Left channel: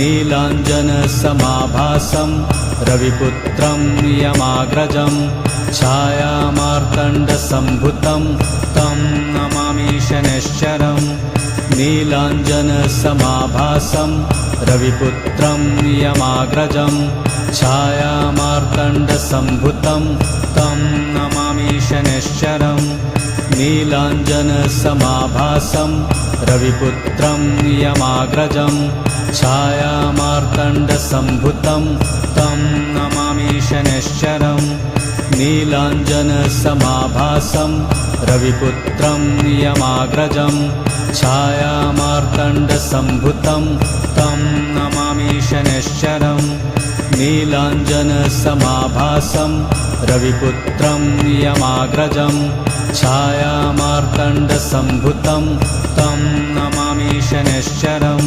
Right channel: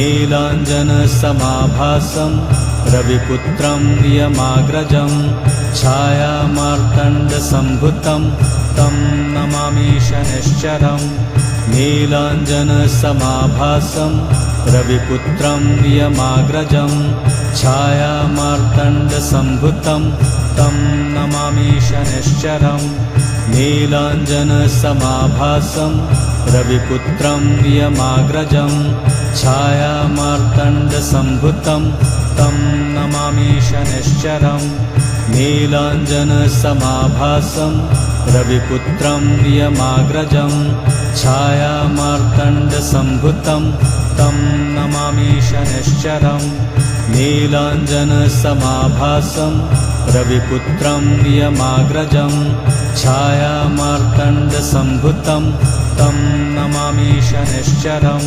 नीलाञ्जनसमाभासं रविपुत्रं नियमाग्रजं छायामार्तण्डसम्भुतं तं नमामि शनैश्चरम् नीलाञ्जनसमाभासं रविपुत्रं नियमाग्रजं छायामार्तण्डसम्भुतं तं नमामि शनैश्चरम् नीलाञ्जनसमाभासं रविपुत्रं नियमाग्रजं छायामार्तण्डसम्भुतं तं नमामि शनैश्चरम् नीलाञ्जनसमाभासं रविपुत्रं नियमाग्रजं छायामार्तण्डसम्भुतं तं नमामि शनैश्चरम् नीलाञ्जनसमाभासं रविपुत्रं नियमाग्रजं छायामार्तण्डसम्भुतं तं नमामि शनैश्चरम्